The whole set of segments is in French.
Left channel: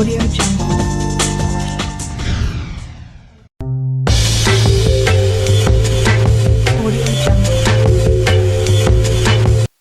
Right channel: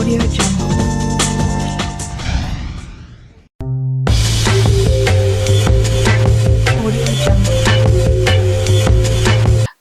Audio Jungle. Audio Jungle.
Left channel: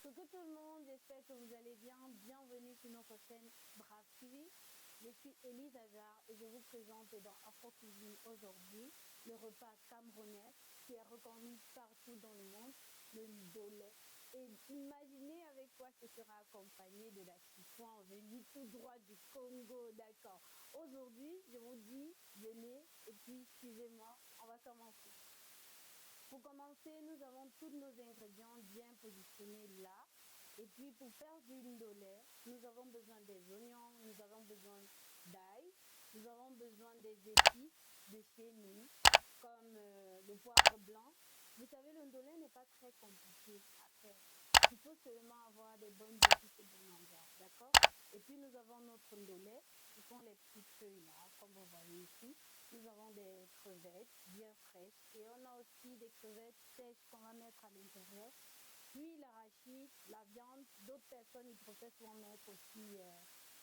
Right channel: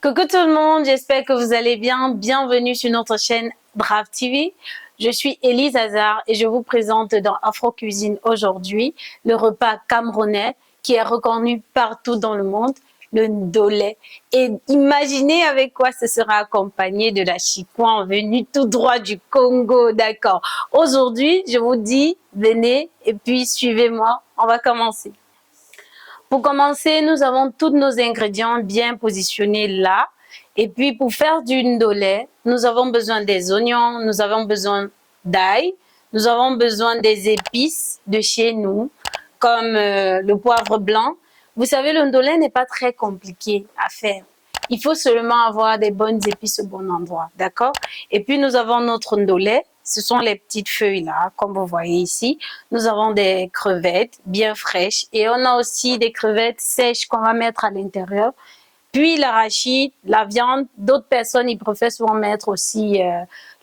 Coucou tout le monde, j'espère que vous allez bien. Bienvenue sur notre chaîne Brave TV. Je suis Élise Hazard et je vous présente dans Afro Cuisine aujourd'hui le repas camerounais qui est reconnu partout dans le monde, le ndolé. Et imaginez avec quoi ce sera accompagné de la chikwan venue tout droit du Congo, d'accord. Aujourd'hui, je vous dis, venez et puis suivez-moi, on va commencer. Pour commencer, nous avons tous nos ingrédients bien positionnés là. Et puis, pour faire du ndolé, nous avons besoin des oignons, nous avons besoin d'ail, nous avons besoin des épices de chez nous, comme le poivre blanc. Vous savez, le ndolé n'est pas très compliqué à faire. Il faut seulement avoir des bonnes épices au bon endroit, d'accord? Et puis, nous avons notre ndolé. Ce sont les petites feuilles là, comme vous voyez ici. Nous avons des crevettes bien fraîches et on a aussi des crevettes sèches qu'on va mettre à l'intérieur. Puis l'arachide, la viande. D'autres personnes, ils préfèrent souvent mettre aussi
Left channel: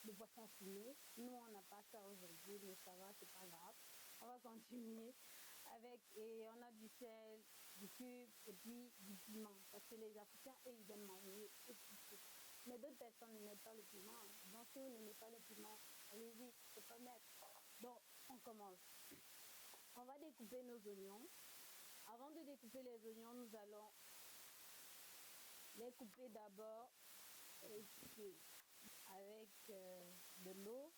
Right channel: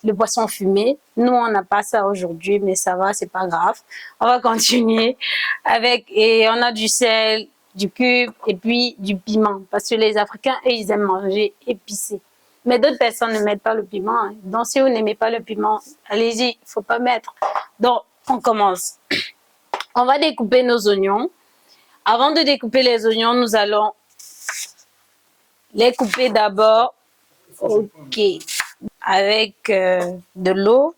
le poisson fumé. Nous, on n'a pas ça aujourd'hui, mais ça va, c'est pas grave. On va continuer avec, et on a du sel, du cube et puis du piment. Parce que les Africains, eux, ils aiment manger épicé. Mais d'autres personnes ne mettent pas le piment. Hein. Donc, si vous n'aimez pas le piment, allez-y, il ne faut pas mettre. Donc, on commence. On va découper nos oignons. Avant de découper les oignons, nous allons les couper d'abord. OK. Avec de l'eau.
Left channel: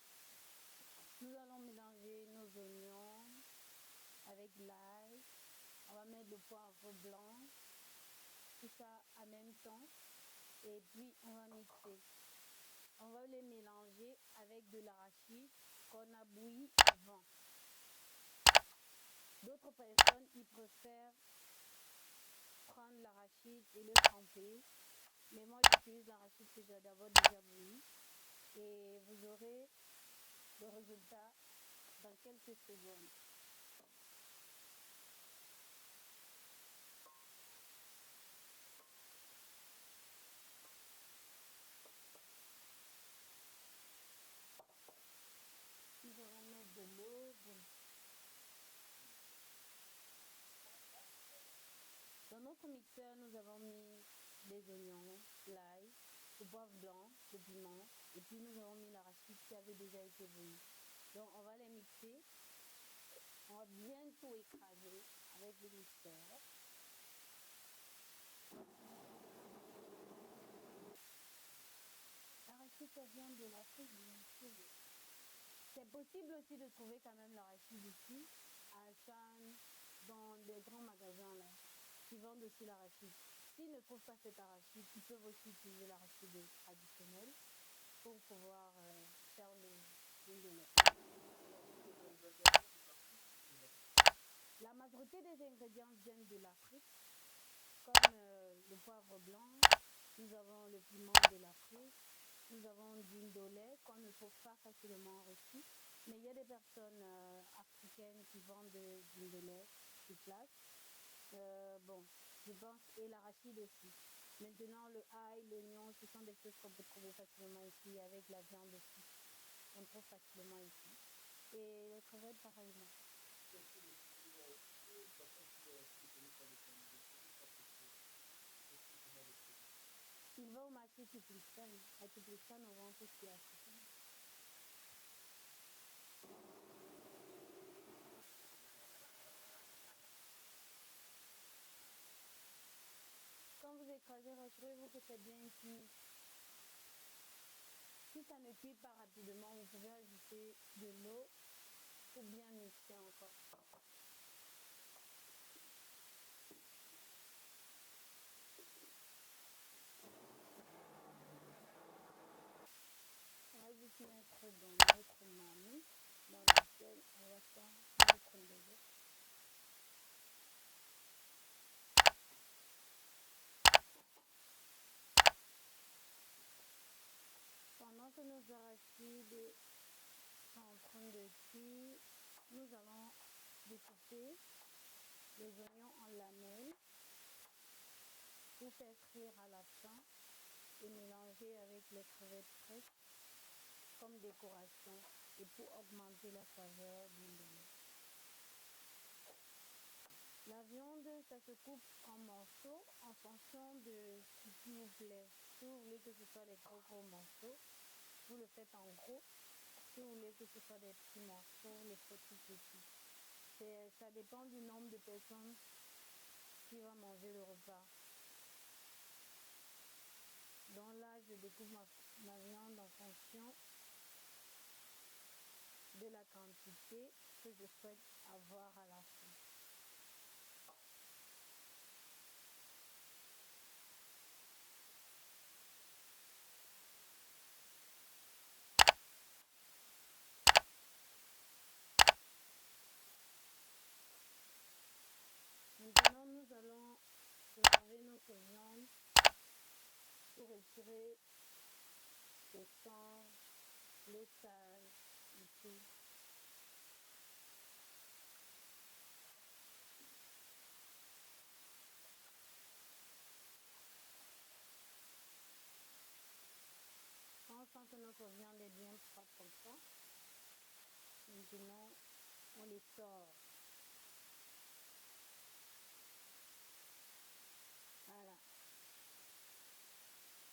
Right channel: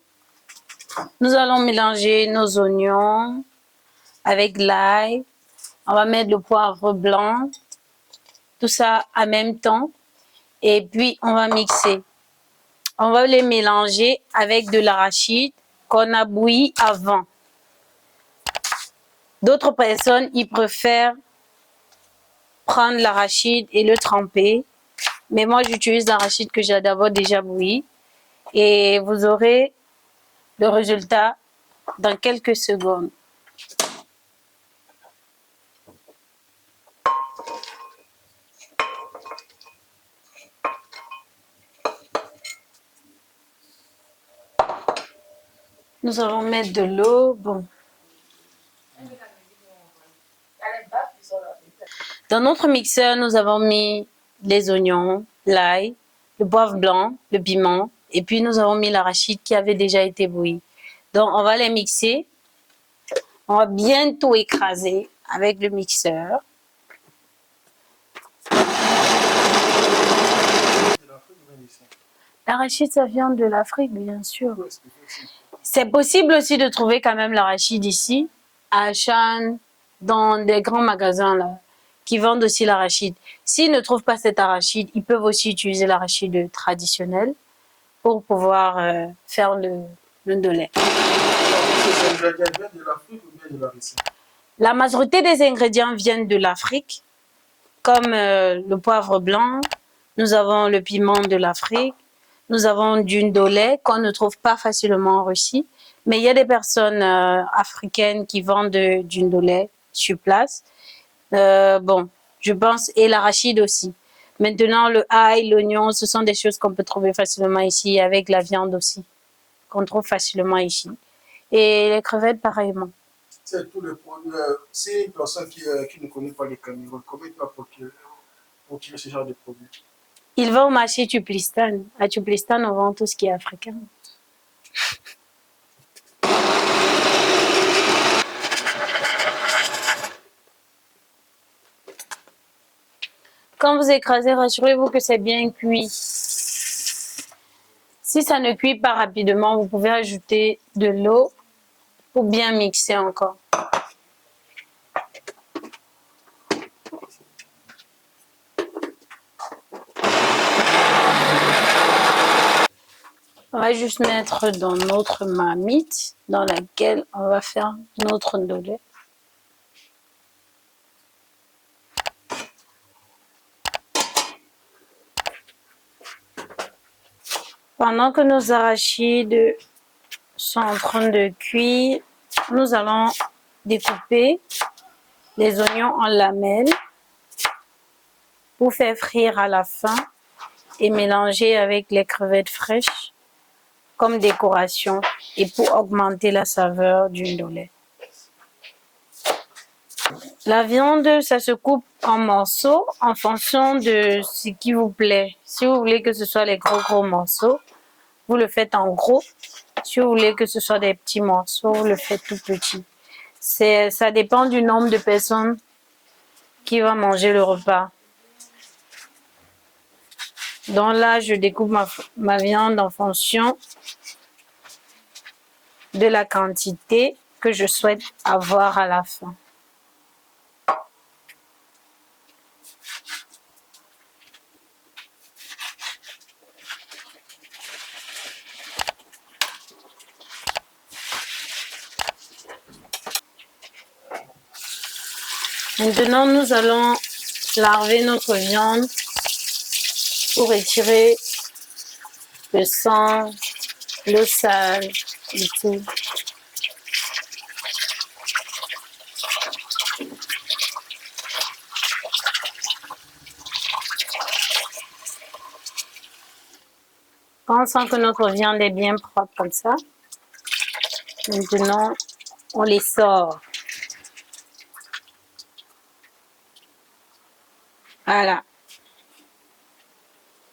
Nous allons mélanger nos oignons avec l'ail. On va mettre le poivre blanc. Tout ça en même temps. Et puis, on va mixer. On va les mélanger avec de l'arachide qu'on a bouilli avant. D'autres personnes, ils préfèrent prendre l'arachide et le tremper. Mais moi, j'utilise l'arachide que j'ai d'abord déjà bouilli. Et vous aurez le résultat dans quelques secondes. Nous allons mettre de l'eau. Bon. Dans notre mixeur, nous avons mis les oignons, l'ail, le poivre blanc, le piment, et puis nous avons mis l'arachide qui avait déjà été bouilli. Donc, on va les mixer. On va bien tout écraser avec le mixeur. L'arachide, ça vient de l'Afrique, bien sûr. C'est possible aussi de trouver quand même l'arachide ici, à Achan, dans des grands magasins là, qui vendent aussi l'arachide. S'ils ne trouvent pas cet arachide, ils peuvent aussi utiliser l'arachide traditionnel pour pouvoir faire le ndolé. La majorité des ingrédients viennent de l'Afrique, comme le poivre blanc, nous avons le piment de l'Afrique, nous avons du ndolé qu'on ne trouve pas facilement en Russie, mais il y a des personnes africaines qui vendent du ndolé sur place. Bon, je pense, et l'arachide aussi. Maintenant, le ail, l'oignon, ce sont des choses qu'on peut trouver facilement ici, avec la viande aussi, qu'on trouve facilement ici. Et les crevettes, pareillement. C'est tout le point. Si une personne qui ne connaît pas le Cameroun, comment il peut procurer ce genre de produits? Il va au marché Tuplistan. À Tuplistan, on vend tout ce qui est africain. Quand vous écrasez, rassurez-vous que c'est bien cuit. Si ça ne cuit pas rapidement, vous pouvez ajouter de l'eau pour bien mixer encore. On va juste mettre dans notre marmite dans laquelle on va faire notre ndolé. Pendant que nos arachides sont en train de cuire, nous allons découper les oignons en lamelles pour faire frire à la fin et mélanger avec les crevettes fraîches. comme décoration et pour augmenter la saveur du ndolé. La viande, ça se coupe en morceaux en fonction de ce qui vous plaît. Si vous voulez que ce soit les gros morceaux, vous le faites en gros. Si vous voulez que ce soit des petits morceaux, vous le faites tout petit. Ça dépend du nombre de personnes qui vont manger le repas. Donc là, je découpe ma viande en fonction de la quantité que je souhaite avoir à la fin. Maintenant, nous allons laver notre viande pour retirer le sang, l'eau sale et tout. Quand on sent que notre viande est bien propre comme ça, maintenant, on les sort. Voilà.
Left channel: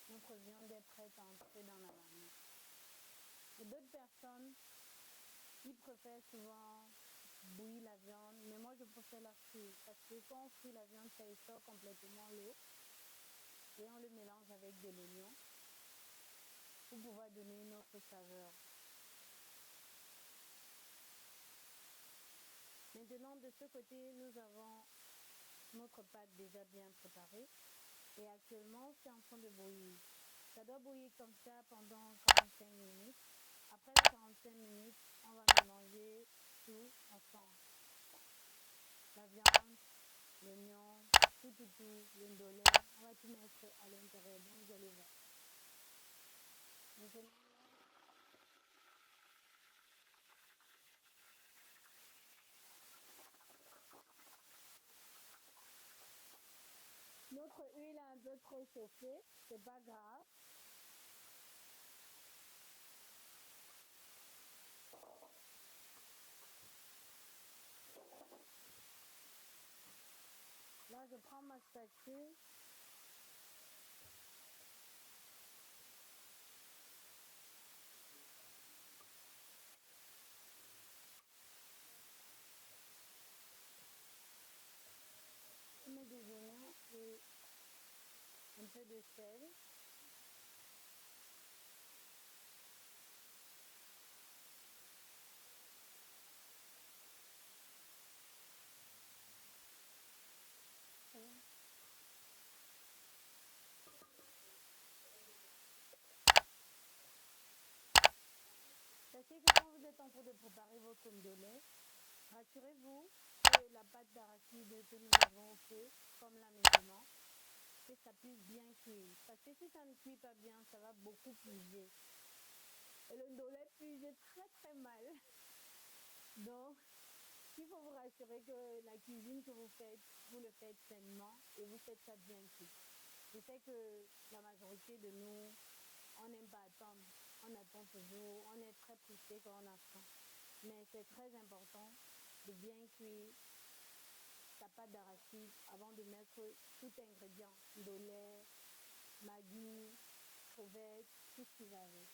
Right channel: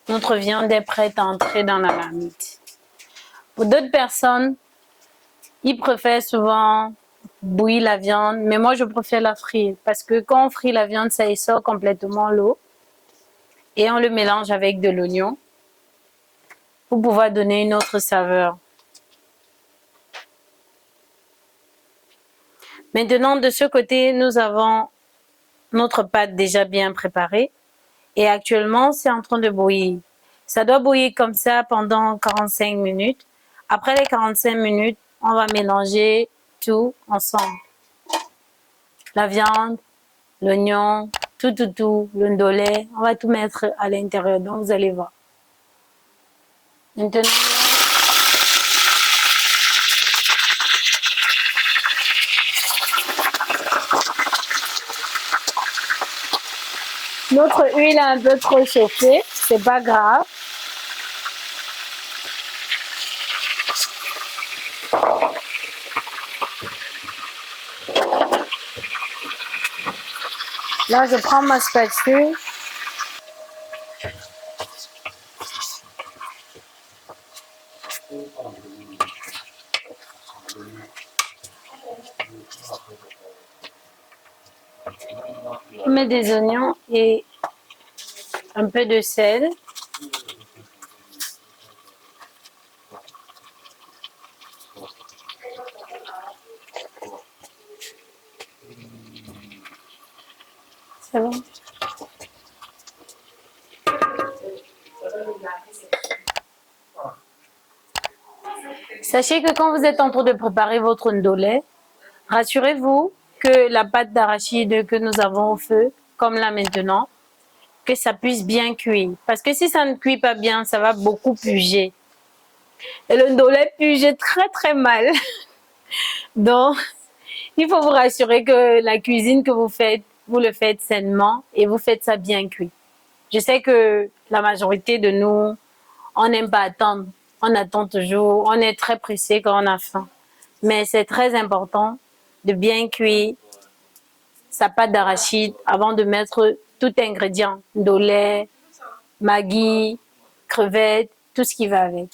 Notre viande est prête à entrer dans la marmite. Pour d'autres personnes, ils préfèrent souvent bouillir la viande, mais moi, je préfère la frire parce que quand on frit la viande, ça y sort complètement l'eau et on le mélange avec de l'oignon pour pouvoir donner une autre saveur. Maintenant, de ce côté, nous avons notre pâte déjà bien préparée et actuellement, c'est en train de bouillir. Ça doit bouillir comme ça pendant 45 minutes. Après les 45 minutes, on va mélanger tout ensemble. La viande, l'oignon, tout, le ndolé, on va tout mettre à l'intérieur. Donc, vous allez voir. Maintenant, notre huile est un peu trop chauffée, c'est pas grave. Là, je prends ma spatule. Je mets des oignons et un peu de sel. C'est bon. Sachez que quand vous êtes en train de préparer votre ndolé, rassurez-vous que la pâte d'arachide que nous avons au feu, comme là maintenant, que ça puisse bien cuire. Parce que si ça ne cuit pas bien, ça va beaucoup puger. Et le ndolé puge très mal. Donc, il faut vous rassurer que la cuisine que vous faites, vous le faites sainement et vous faites ça bien cuit. Je sais que la majorité de nous, on n'aime pas attendre. On attend toujours. On est très pressé quand on a faim. Mais c'est très important de bien cuire sa pâte d'arachide avant de mettre tout ingrédient. Ndolé, maggi, crevettes, tout ce qui va avec.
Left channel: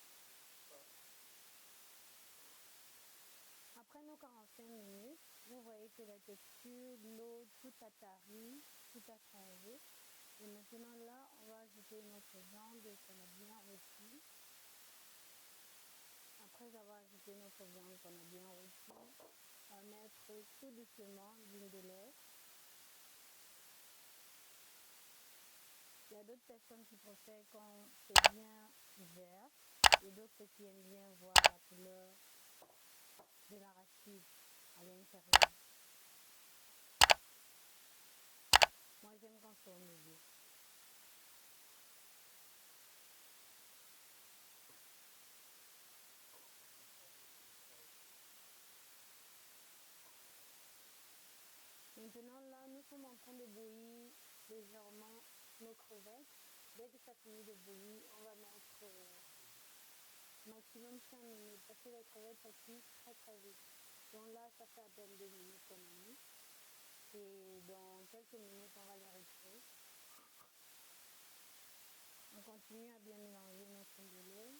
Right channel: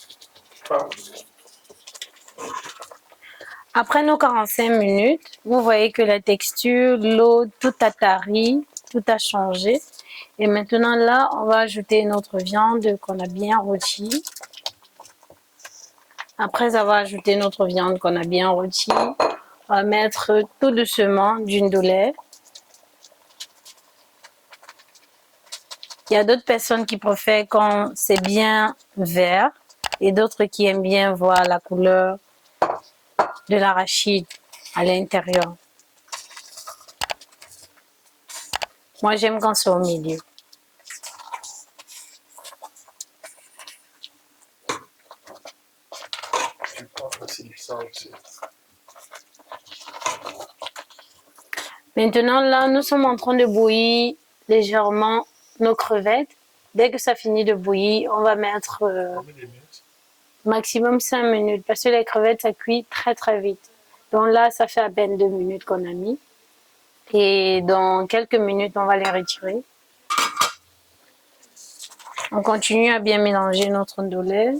Après nos 45 minutes, vous voyez que la texture, l'eau, tout a tari, tout a changé. Et maintenant là, on va ajouter notre viande qu'on a bien rôtie. Après avoir ajouté notre viande qu'on a bien rôtie, on va mettre tout doucement du ndolé. Il y a d'autres personnes qui préfèrent quand c'est bien vert et d'autres qui aiment bien voir la couleur de l'arachide à l'intérieur. Moi, j'aime quand c'est au milieu. Maintenant, là, nous sommes en train de bouillir légèrement nos crevettes. Dès que ça finit de bouillir, on va mettre... maximum 5 minutes, parce que les crevettes, ça cuit très très vite. Donc là, ça fait à peine 2 minutes qu'on a mis. Et dans quelques minutes, on va les retirer. On continue à bien mélanger notre ndolé.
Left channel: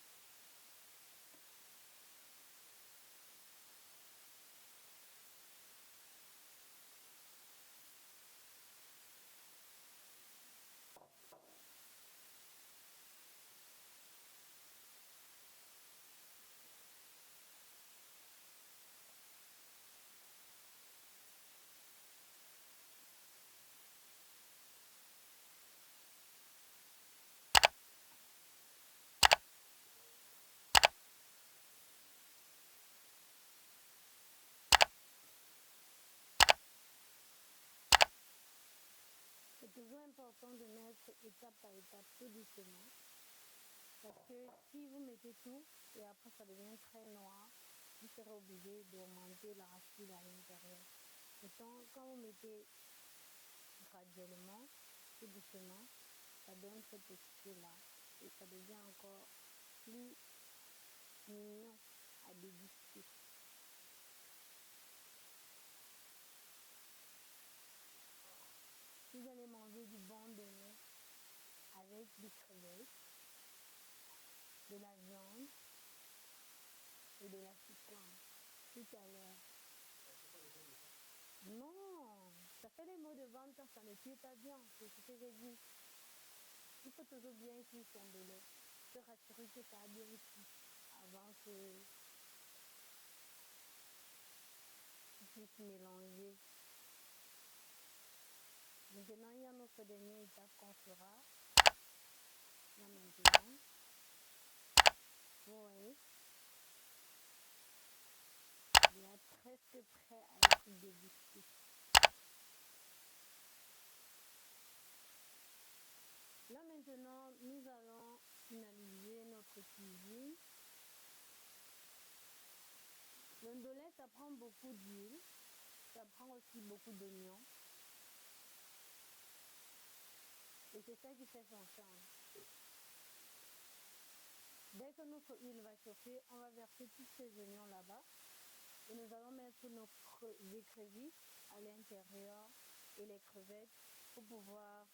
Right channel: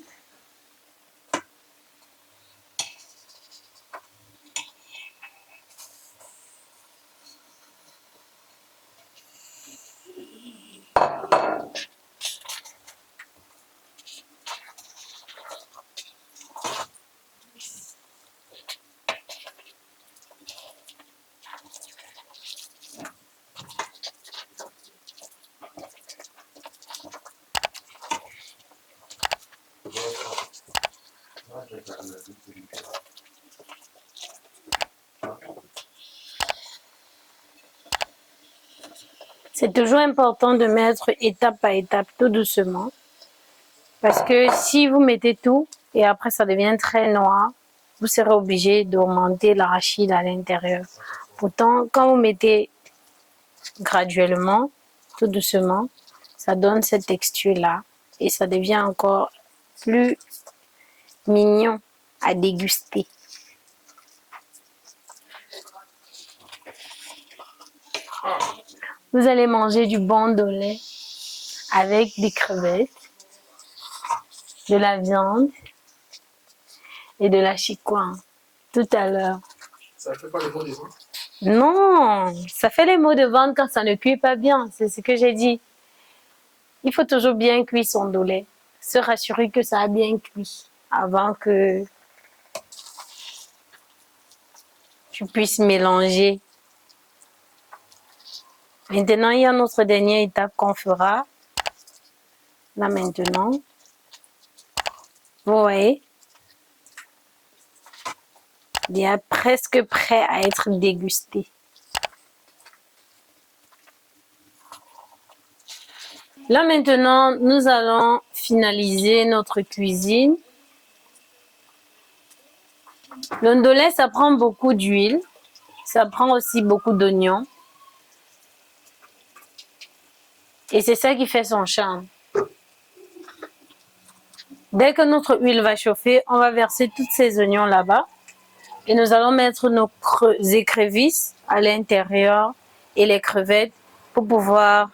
C'est toujours important de mettre étape par étape, tout doucement. Parce que si vous mettez tout et après ça devient très noir, vous serez obligé d'augmenter l'arachide à l'intérieur. Pourtant, quand vous mettez graduellement, tout doucement, ça donne cette texture-là et ça devient encore plus mignon à déguster. Vous allez manger du bon ndolé avec des crevettes, de la viande et de la chikwang tout à l'heure. Ça ne fait pas les mots de ventre? Non, ça fait les maux de ventre quand ça ne cuit pas bien, c'est ce que j'ai dit. Il faut toujours bien cuire son ndolé, se rassurer que ça a bien cuit avant que tu puisses mélanger. Maintenant, il y a notre dernière étape qu'on fera. Là maintenant, vous voyez, il est presque prêt à être dégusté. Là maintenant, nous allons finaliser notre cuisine. Le ndolé, ça prend beaucoup d'huile, ça prend aussi beaucoup d'oignons. Et c'est ça qui fait son charme. Dès que notre huile va chauffer, on va verser tous ces oignons là-bas. Et nous allons mettre nos écrevisses à l'intérieur et les crevettes pour pouvoir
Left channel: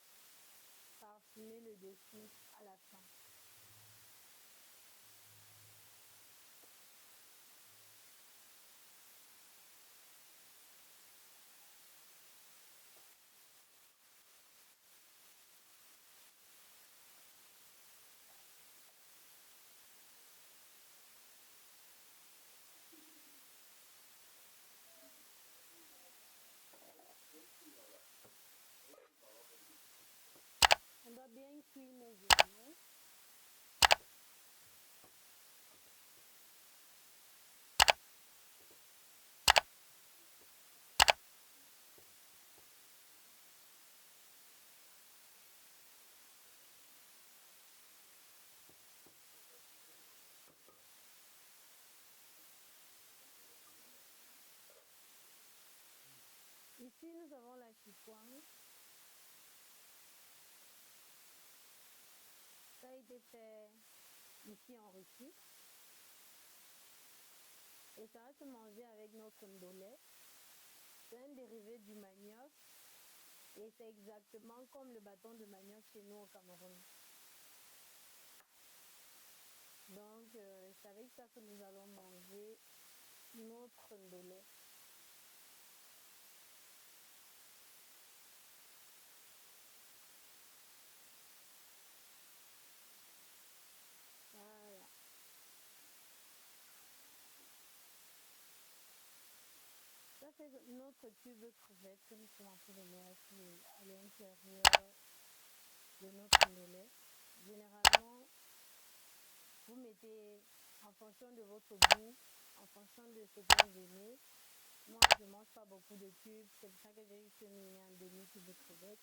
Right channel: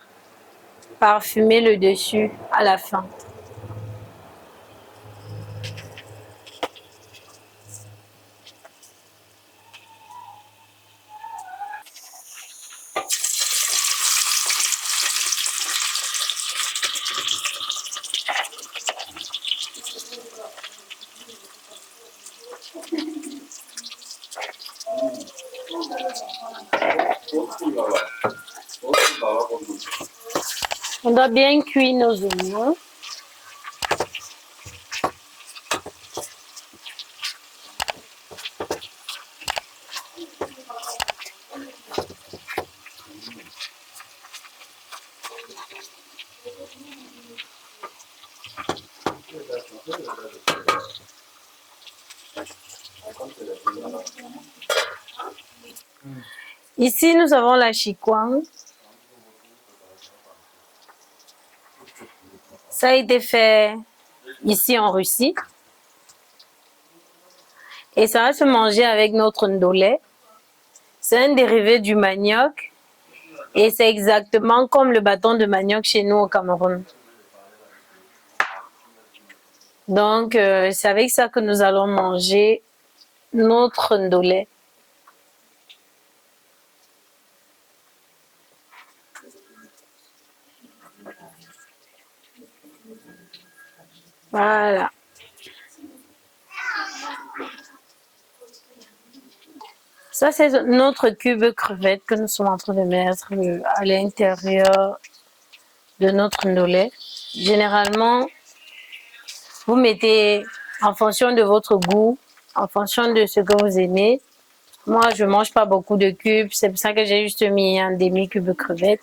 parfumer le dessus à la fin. On doit bien cuire nos oignons. Ici, nous avons la chikwang. Ça a été fait ici en Russie. Et ça va se manger avec notre ndolé. C'est un dérivé du manioc. Et c'est exactement comme le bâton de manioc chez nous au Cameroun. Donc, c'est avec ça que nous allons manger notre ndolé. Voilà. Ça, c'est notre cube crevette que nous sommes en train de mettre à l'intérieur de notre ndolé. Généralement, vous mettez en fonction de votre goût, en fonction de ce que vous aimez. Moi, je ne mange pas beaucoup de cubes, c'est pour ça que j'ai juste mis un demi-cube crevette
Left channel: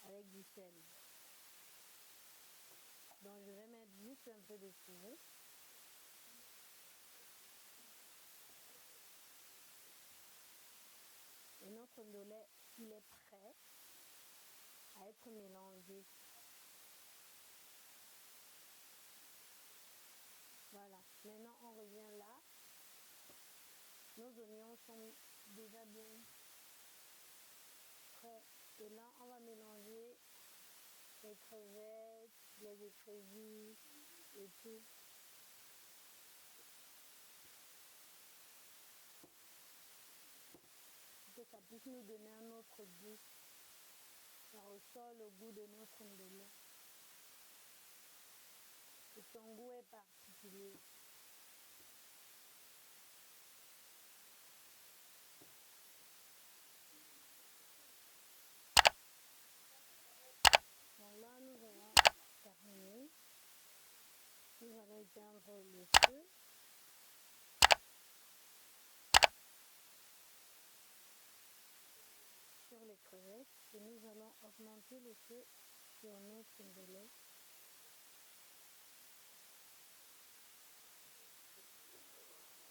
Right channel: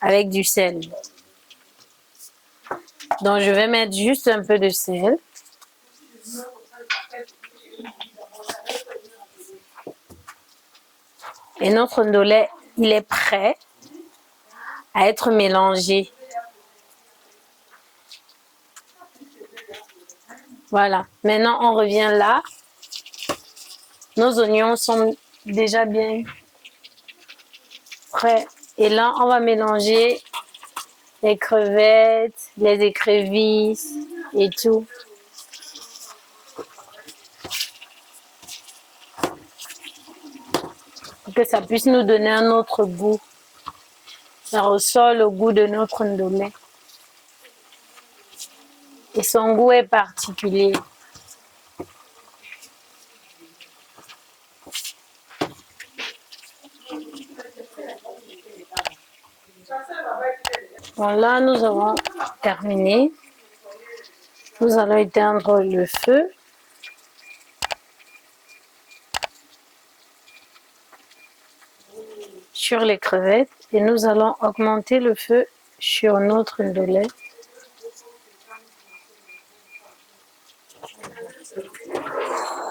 avec du sel. Donc, je vais mettre juste un peu de sel. Et notre ndolé, il est prêt à être mélangé. Voilà. Maintenant, on revient là. Nos oignons sont déjà bien prêts. Et là, on va mélanger les crevettes, les écrevisses et tout. Pour que ça puisse nous donner un autre goût. Ça ressort le goût de notre ndolé. Et son goût est particulier. Bon, là, nous avons terminé. Nous allons éteindre le feu. Sur les crevettes et nous allons augmenter le feu sur notre ndolé.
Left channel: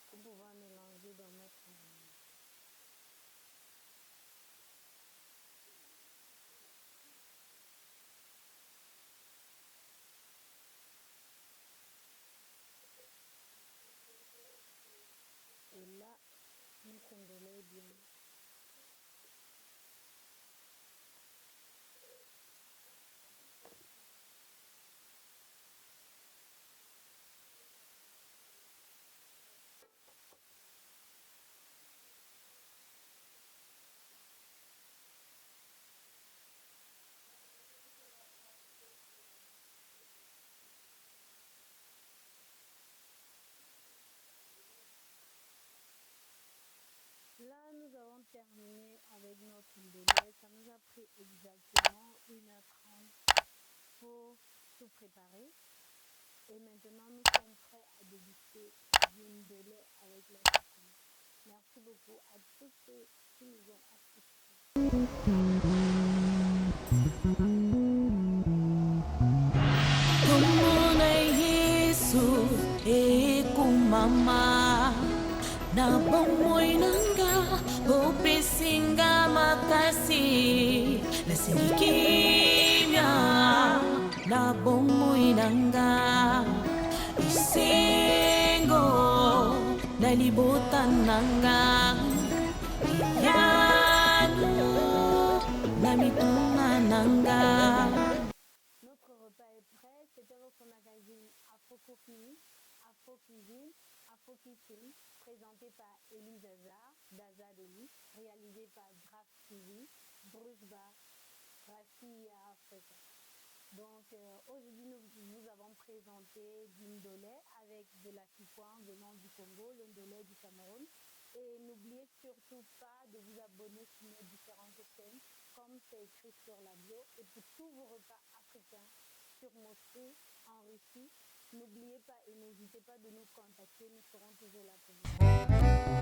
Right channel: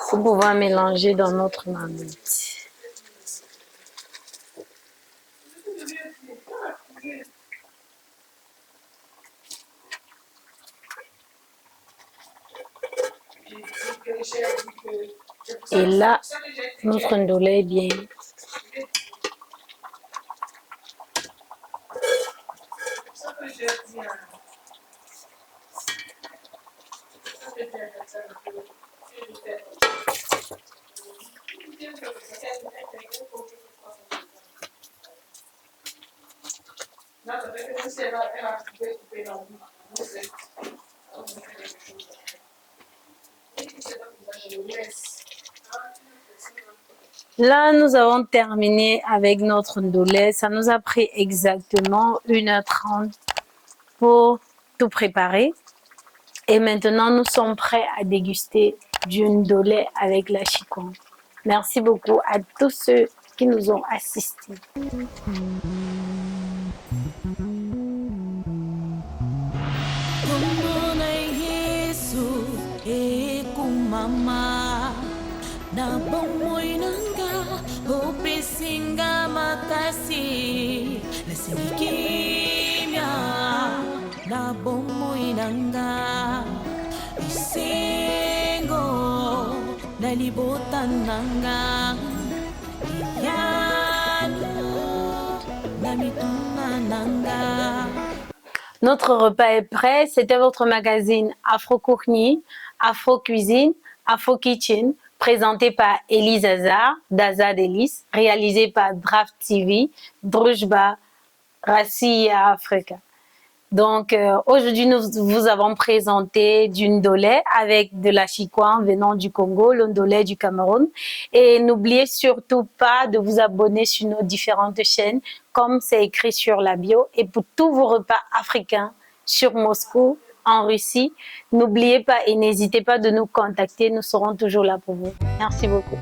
Pour pouvoir mélanger dans notre marmite. Et là, notre ndolé est bien. Là, nous avons terminé avec notre ndolé. Ça nous a pris exactement 1h30 pour tout préparer. Et maintenant, nous sommes prêts à déguster du ndolé avec la chikwan. Merci beaucoup à tous ceux qui nous ont assistés. Na bomoy nanga o pesinga makasi na singikimya na bomoy nanga isengo na libotan nanga iyano na mituna nanga. Notre repas est prêt. C'était votre magazine Afro Courni, Afro Cuisine, Afro Kitchen, présenté par Elise Azar, d'Azad Elise, réalisé par Draft TV, Drujba, Rassi Africa. Donc, aujourd'hui, nous vous avons présenté du ndolé avec de la chikwan venant du Congo, le ndolé du Cameroun. Et n'oubliez surtout pas de vous abonner sur nos différentes chaînes, comme c'est écrit sur la bio. Et pour tous vos repas africains sur Moscou, en Russie, n'oubliez pas et n'hésitez pas de nous contacter. Nous serons toujours là pour vous. Merci beaucoup.